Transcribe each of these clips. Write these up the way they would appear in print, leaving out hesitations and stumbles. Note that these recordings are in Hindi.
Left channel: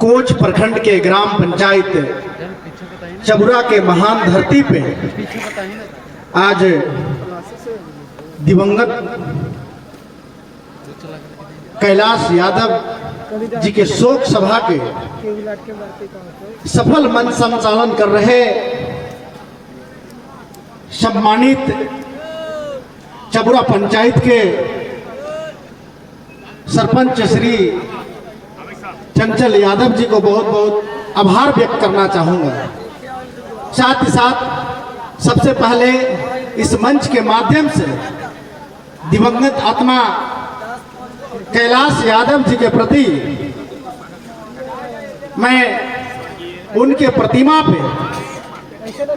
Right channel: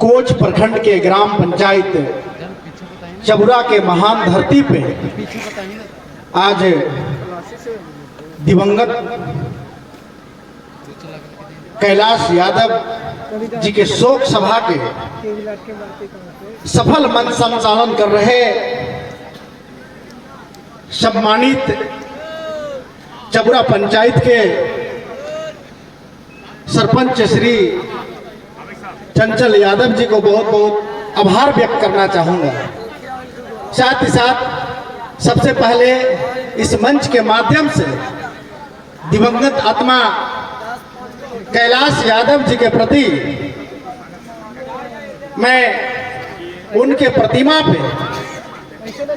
कोच प्रखंड के ग्राम पंचायत चबुरा के महान धरती पे आज दिवंगत कैलाश यादव जी के शोक सभा के सफल मंच संचालन कर रहे सम्मानित चबुरा पंचायत के सरपंच श्री चंचल यादव जी को बहुत बहुत आभार व्यक्त करना चाहूंगा। साथ ही साथ सबसे पहले इस मंच के माध्यम से दिवंगत आत्मा कैलाश यादव जी के प्रति मैं उनके प्रतिमा पे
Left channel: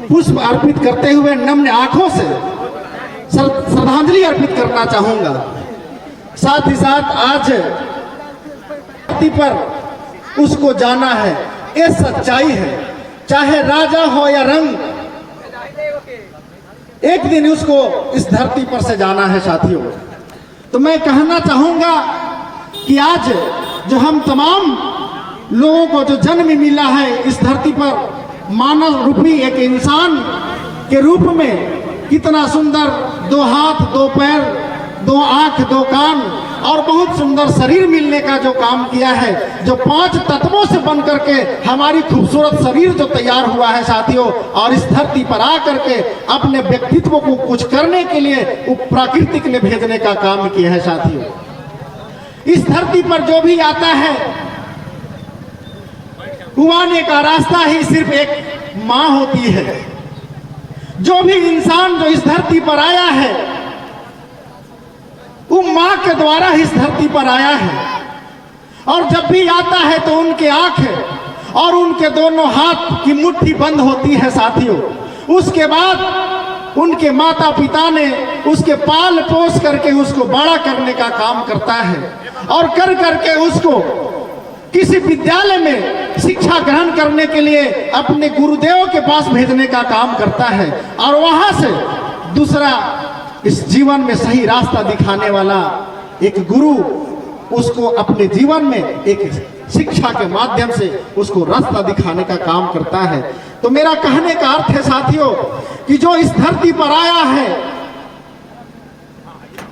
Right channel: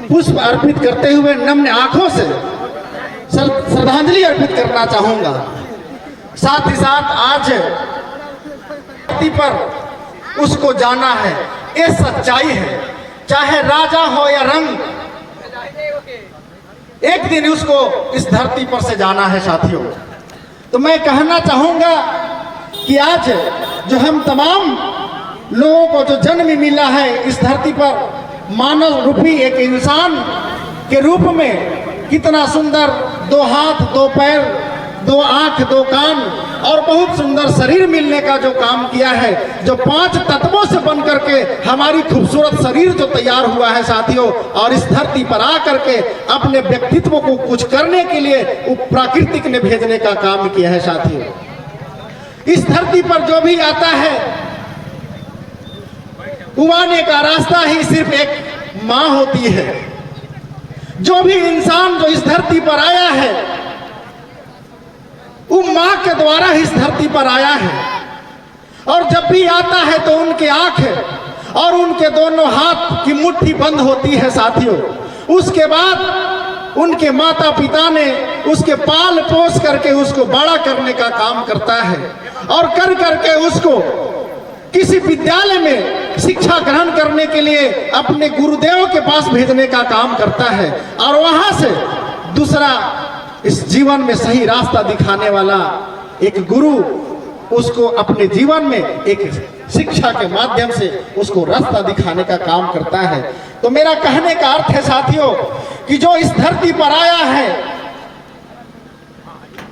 पुष्प अर्पित करते हुए नम्र आंखों से श्रद्धांजलि अर्पित करना चाहूंगा। साथ ही साथ आज धरती पर उसको जाना है, ये सच्चाई है। चाहे राजा हो या रंग, एक दिन उसको इस धरती पर से जाना है साथियों। तो मैं कहना चाहूंगा कि आज जो हम तमाम लोगों को जो जन्म मिला है इस धरती पर मानव रूपी एक इंसान के रूप में, कितना सुंदर 2 हाथ 2 पैर 2 आंख 2 कान और बहुत सुंदर शरीर मिलने का जो काम किया है, जो 5 तत्वों से बन करके हमारी खूबसूरत शरीर जो तैयार हुआ है साथियों, और इस धरती पर आकर के अपने व्यक्तित्व को कुछ करने के लिए प्राकृतिक ने भेजने का काम किया है साथियों। इस धरती पर जो भी आता है उबाने का रास्ता ही सिर्फ एक माँ होती है। जो भी इंसान जो इस धरती पर आया है वो माँ के द्वारा इस धरती पर आया है, और जब भी आता है तो उनके आंख और उनके दोनों हाथ की मुट्ठी बंद होती है साथियों। उसके बाद उनके माता पिता ने उसके पाल पोस करके उसको बड़ा करने का काम करता है, और कर करके उसको किसी विद्यालय में शिक्षा ग्रहण करने के लिए अपने गुरुदेव के पास भेजने का काम करता है, और वहां से दूसरा इस जीवन में सही रास्ता दिखाने वाला एक गुरु उसको अपने जीवन में एक शिक्षा के माध्यम से उसको रास्ता दिखाने का काम करता है। तो मेरा कहने का अर्थ है साथियों कि जो इस धरती पर आया है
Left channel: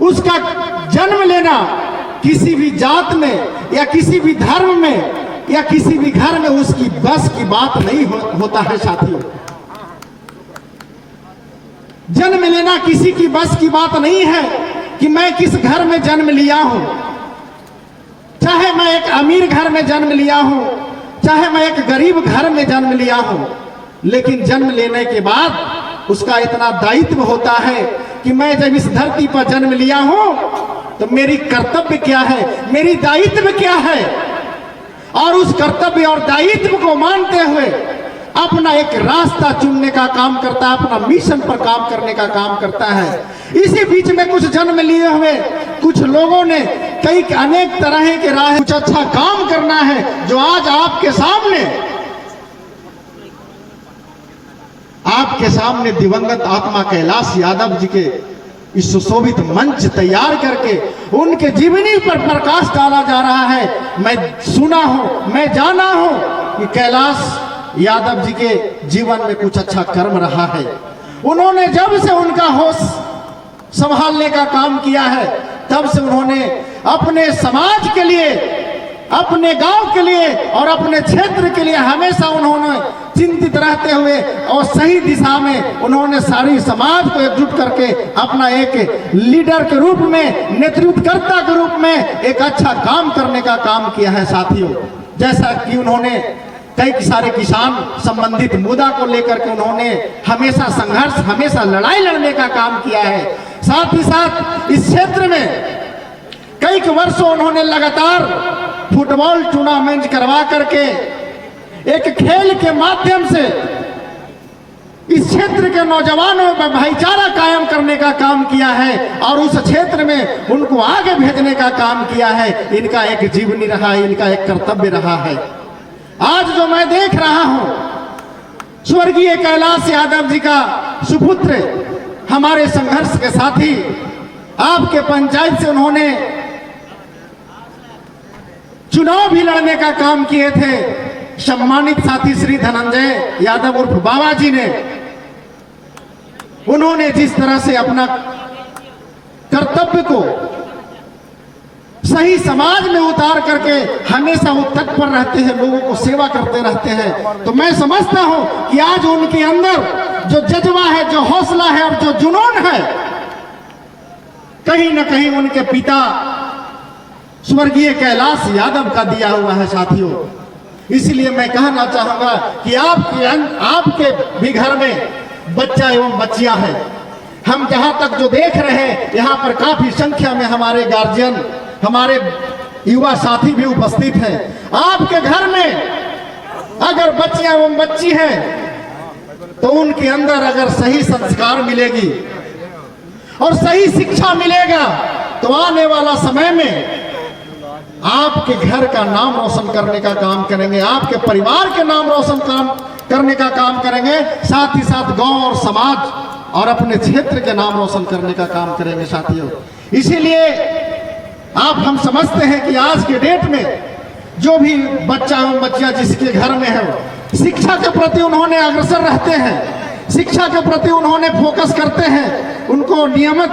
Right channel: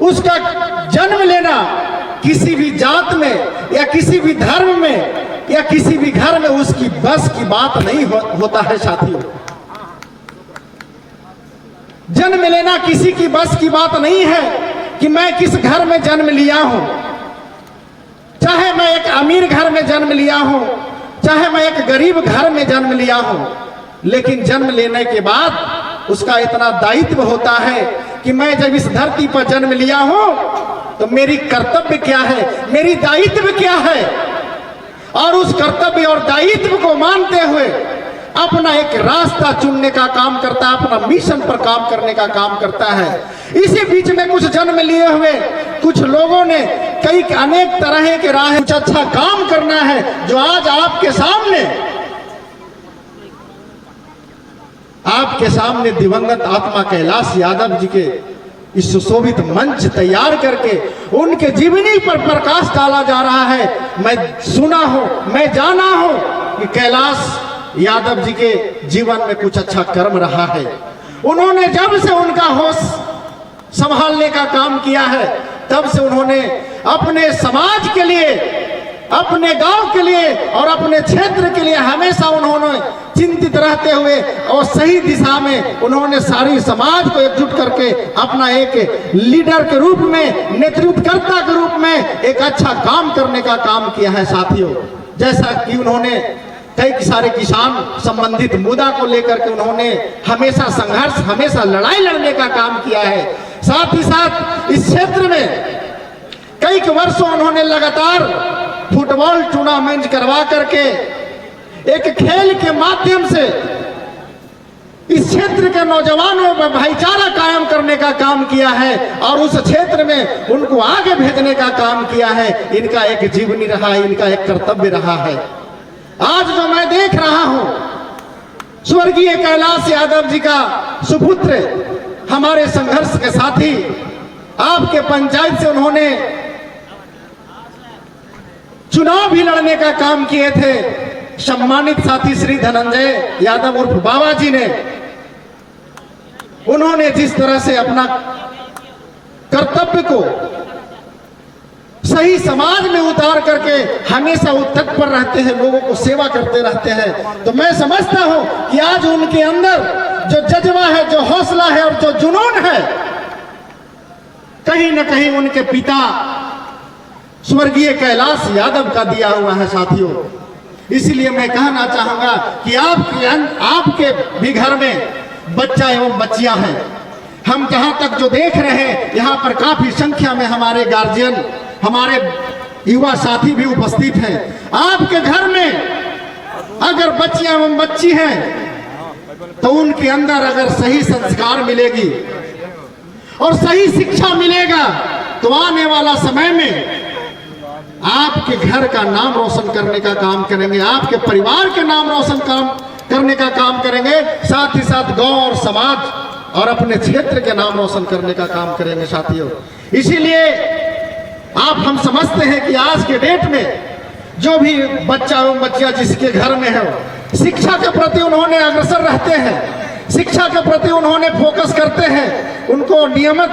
उसका जन्म लेना किसी भी जात में या किसी भी धर्म में या किसी भी घर में उसकी बस की बात नहीं होता है साथियों। जन्म लेना किसी की बस की बात नहीं है कि मैं किस घर में जन्म लिया हूं, चाहे मैं एक अमीर घर में जन्म लिया हूं, चाहे मैं एक गरीब घर में जन्म लिया हूं, लेकिन जन्म लेने के बाद उसका इतना दायित्व होता है कि मैं जब इस धरती पर जन्म लिया हूं तो मेरी कर्तव्य क्या है, मेरी दायित्व क्या है, और उस कर्तव्य और दायित्व को मानते हुए अपना एक रास्ता चुनने का काम करता है, अपना मिशन पर काम करने का काम करता है। इसी बीच में कुछ जन्म लिए हुए कुछ लोगों ने कई अनेक तरह के राह कुछ अच्छा काम करना है, जो आज आपके सामने दिवंगत आत्मा कैलाश यादव जी के इस सुशोभित मंच तैयार करके उनके जीवनी पर प्रकाश डाला जा रहा है। मैं सुना हूं, मैं जाना हूं कि कैलाश यादव जी के जीवन में कुछ अच्छा कर्म रहा है। उन्होंने जब से उनका होश संभालने का काम किया है तब से उन्होंने अपने समाज के लिए, अपने गांव के लिए और अपने क्षेत्र के लिए हमेशा उन्होंने चिंतित रहते हुए और सही दिशा में उन्होंने सारी समाज को एकजुट करके अपना एक लीडर के रूप में, नेतृत्वकर्ता के रूप में एक अच्छा काम करने का काम किया है साथियों। जैसा कि उन्होंने कई सारे किसान संबंधित मुद्दा को लेकर के उन्होंने हमेशा संघर्ष, हमेशा लड़ाई लड़ने का काम किया है। साथ ही साथ इस क्षेत्र में कई वर्षों उन्होंने लगातार फुटबॉल टूर्नामेंट करवा करके एक खेल के माध्यम से इस क्षेत्र के नौजवानों में भाईचारा कायम करने का काम किया है, और उस क्षेत्र में उनको आगे भेजने का काम किया है। इनका एक जीवनी रहा है, इनका एक कर्तव्य रहा है। आज जो मैं देख रहा हूं स्वर्गीय कैलाश यादव जी का सुपुत्र, हमारे संघर्ष के साथी, आपके पंचायत से उन्होंने चुनाव भी लड़ने का काम किए थे सम्मानित साथी श्री धनंजय यादव उर्फ बाबा जी ने। उन्होंने जिस तरह से अपना कर्तव्य को सही समाज में उतार करके हमेशा वो तत्पर रहते हैं, लोगों को सेवा करते रहते हैं, तो मैं समझता हूं कि आज उनके अंदर जो जज्बा है, जो हौसला है और जो जुनून है, कहीं न कहीं उनके पिता स्वर्गीय कैलाश यादव का दिया हुआ है साथियों। इसलिए मैं कहना चाहूंगा कि आपके भी घर में बच्चा एवं बच्चियां हैं। हम जहां तक जो देख रहे हैं, यहाँ पर काफी संख्या में हमारे गार्जियन, हमारे युवा साथी भी उपस्थित हैं। आपके घर में अगर बच्चियां एवं बच्ची हैं तो उनके अंदर अगर सही संस्कार मिलेगी और सही शिक्षा मिलेगा तो आने वाला समय में आपके घर का नाम रोशन करने का काम करेंगे, आपके परिवार के नाम रोशन करने का काम करेंगे, साथ ही साथ गांव और समाज और अपने क्षेत्र के नाम रोशन करने का काम करेंगे साथियों। इसीलिए हम समझते हैं कि आज के डेट में जो भी बच्चा एवं बच्चियां जिसके घर में है, शिक्षा के प्रति उन्होंने अग्रसर रहते हैं, शिक्षा के प्रति उन्होंने फोकस करते हैं, उनको नियमित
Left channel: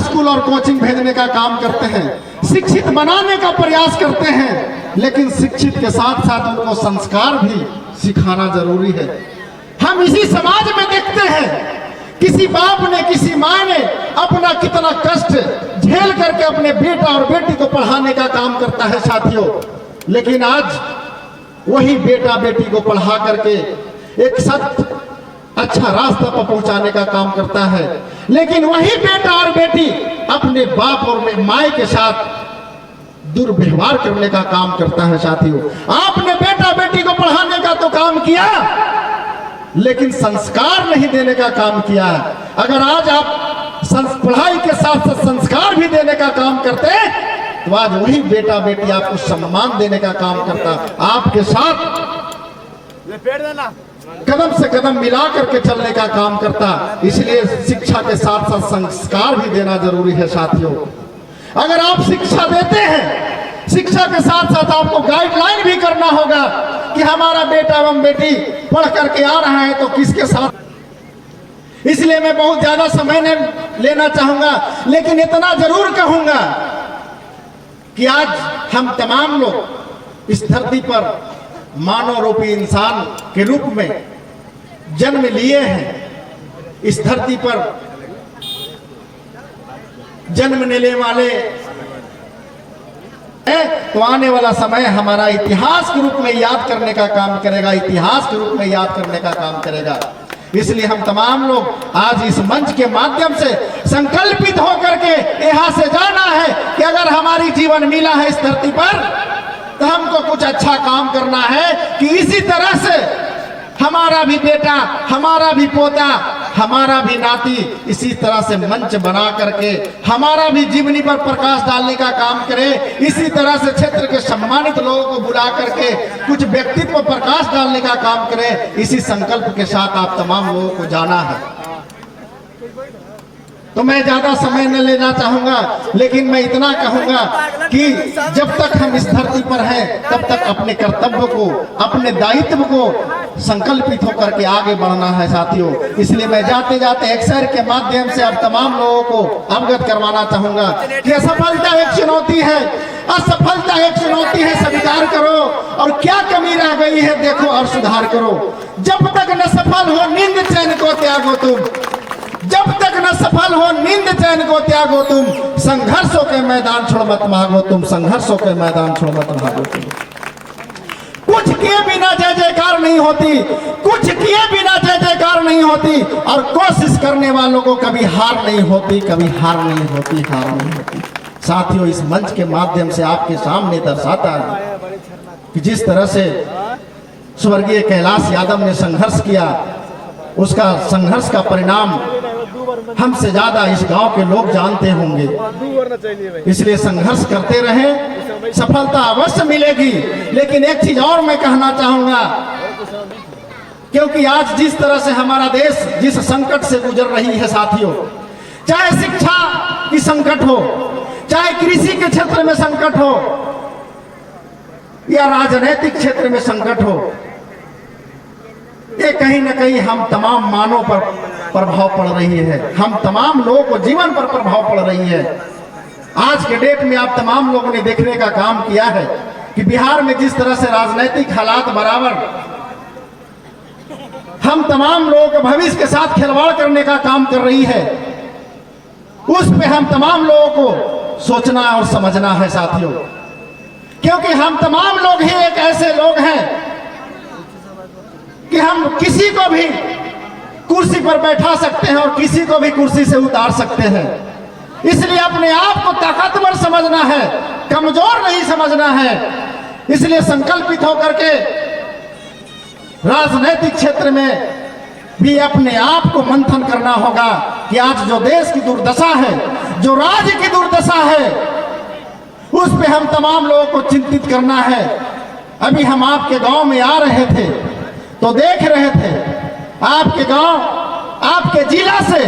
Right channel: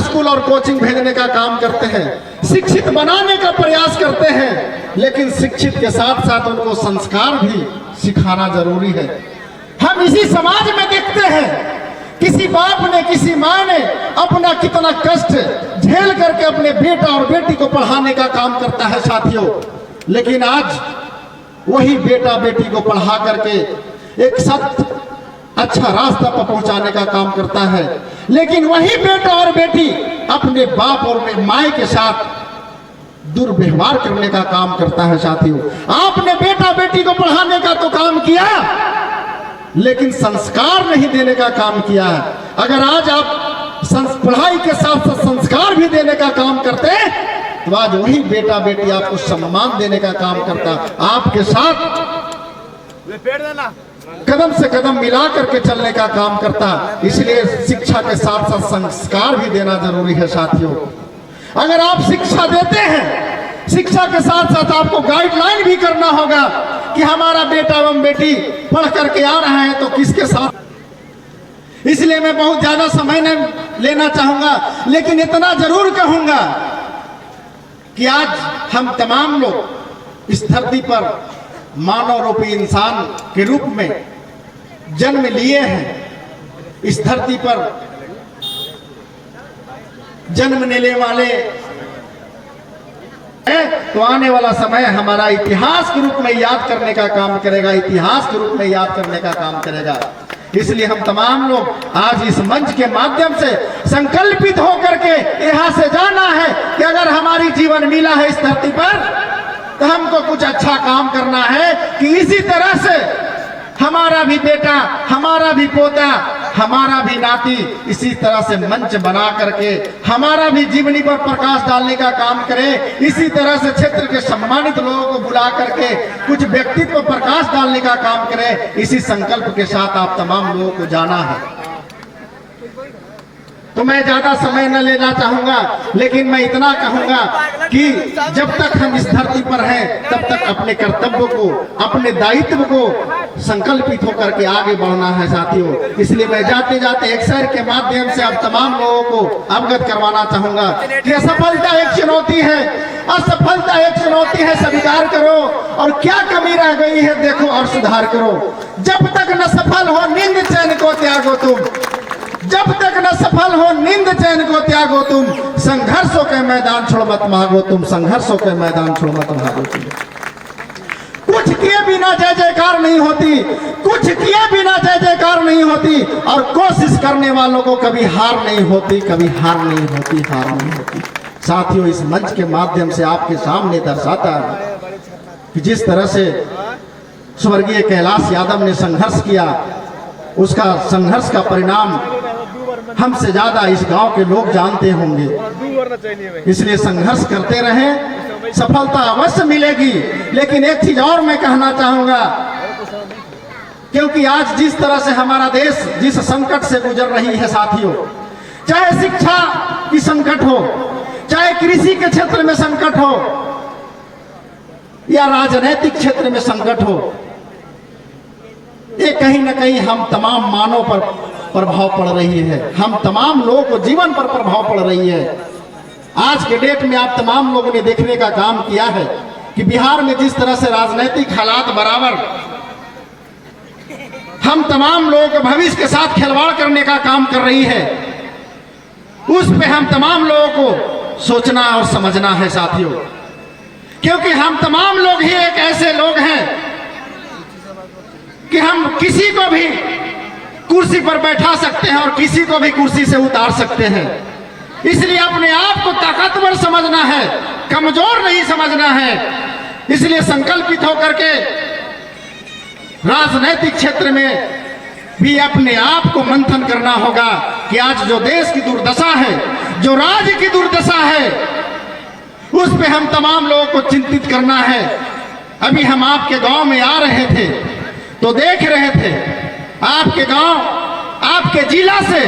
स्कूल और कोचिंग भेजने का काम करते हैं, शिक्षित बनाने का प्रयास करते हैं, लेकिन शिक्षित के साथ साथ उनको संस्कार भी सिखाना जरूरी है। हम इसी समाज में देखते हैं किसी बाप ने, किसी माँ ने अपना कितना कष्ट झेल करके अपने बेटा और बेटी को पढ़ाने का काम करता है साथियों, लेकिन आज वही बेटा बेटी को पढ़ा करके एक सत्य अच्छा रास्ता पर पहुंचाने का काम करता है, लेकिन वही बेटा और बेटी अपने बाप और माँ के साथ दुर्व्यवहार करने का काम करता है साथियों। आपने बेटा बेटी को पढ़ाने का तो काम किया, लेकिन संस्कार नहीं देने का काम किया है। अगर आज आप पढ़ाई के साथ साथ संस्कार भी देने का काम करते तो आज वही बेटा बेटी आपको सम्मान देने का काम करता, आपके साथ कदम से कदम मिला करके चलने का काम करता। इसलिए शिक्षा के साथ साथ संस्कार भी देना जरूरी है साथियों। अगर आप शिक्षा देते हैं, शिक्षा के साथ साथ आपको गाइडलाइन भी करना होगा कि हमारा बेटा एवं बेटी पढ़ करके आ रहा है तो किसके साथ। इसलिए मैं बहुत ज्यादा समय नहीं लेना चाहूंगा, लेकिन इतना जरूर कहूंगा कि आज हम तमाम लोग इस धरती पर मानव रूपी इंसान के रूप में जन्म लिए हैं। इस धरती पर जन्म लेने वाले तो आने वाला समय हमारा इतिहास के रूप में याद करने का काम करेगा, इतिहास के रूप में याद करने का काम करेगा। इसलिए हम तमाम लोग आज इस मंच के माध्यम से संकल्पित होकर के यहाँ से जाना है कि अगर हमारी जीवन मिला है इस धरती पर तो हमको कुछ अच्छा काम करना है कि इसी तरह से हमारा भी बेटा, हमारा भी पोता, हमारा भी नाती इसी तरह से मंच बना करके हमारा भी जीवनी पर प्रकाश डालने का काम करे। इसी तरह से क्षेत्र के सम्मानित लोगों को बुला करके कुछ व्यक्तित्व पर प्रकाश डालने का काम करे। इसी संकल्प के साथ आप तमाम लोगों को जाना है। तो मैं ज्यादा समय न लेना चाहूंगा, लेकिन मैं इतना कहूंगा कि जब तक हम इस धरती पर हैं तब तक अपने कर्तव्य को, अपने दायित्व को संकल्पित होकर के आगे बढ़ना है साथियों। इसलिए मैं जाते जाते एक शेर के माध्यम से अब तमाम लोगों को अवगत करवाना चाहूंगा कि असफलता एक चुनौती है, असफलता एक चुनौती है, स्वीकार करो और क्या कमी रह गई है देखो और सुधार करो। जब तक न सफल हो नींद चैन को त्यागो तुम, जब तक न सफल हो नींद चैन को त्यागो तुम, संघर्षों के मैदान छोड़ मत भागो तुम, संघर्षों के मैदान छोड़ मत भागो तुम। कुछ किए बिना जय जयकार नहीं होती, कुछ किए बिना जय जयकार नहीं होती, और कोशिश करने वालों को कभी हार नहीं होती, कभी हार नहीं होती, हार नहीं होती। साथियों, इस मंच के माध्यम से आपके सामने दर्शाता है कि जिस तरह से स्वर्गीय कैलाश यादव ने संघर्ष किया, उसका संघर्ष का परिणाम हमसे ज्यादा इस गांव के लोग जानते होंगे। इसलिए संघर्ष करते रहें, सफलता अवश्य मिलेगी। लेकिन एक चीज और मैं कहना चाहूंगा, क्योंकि आज जिस तरह से हमारा देश जिस संकट से गुजर रही है साथियों, चाहे शिक्षा की संकट हो, चाहे कृषि के क्षेत्र में संकट हो, या राजनीतिक क्षेत्र में संकट हो, ये कहीं ना कहीं हम तमाम मानव पर प्रभाव पड़ रही है, हम तमाम लोगों को जीवन पर प्रभाव पड़ रही है। आज के डेट में आप तमाम लोगों ने देखने का काम किया है कि बिहार में जिस तरह से राजनीतिक हालात बराबर हम तमाम लोगों के भविष्य के साथ खिलवाड़ करने का काम कर रही है, उस पे हम तमाम लोगों को सोचना और समझना है साथियों, क्योंकि हम तमाम लोग ही एक ऐसे लोग हैं कि हम किसी को भी कुर्सी पर बैठा सकते हैं और किसी को भी कुर्सी से उतार सकते हैं। इसलिए अपने आप को ताकतवर समझना है, कमजोर नहीं समझना है। इसलिए संकल्पित होकर के राजनीतिक क्षेत्र में भी अपने आप को मंथन करना होगा कि आज जो देश की दुर्दशा है, जो राज्य की दुर्दशा है, उस पे हम तमाम लोगों को चिंतित करना है। अभी हम आपके गांव में आ रहे थे तो देख रहे थे आपके गांव, आपके जिला से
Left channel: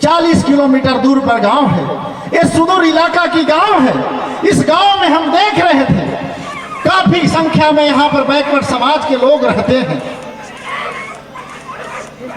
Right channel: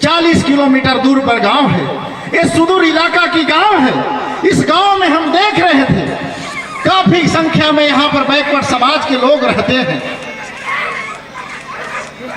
40 किलोमीटर दूर पर गांव है, ये सुदूर इलाका की गांव है। इस गांव में हम देख रहे थे काफी संख्या में यहाँ पर बैकवर्ड समाज के लोग रहते हैं।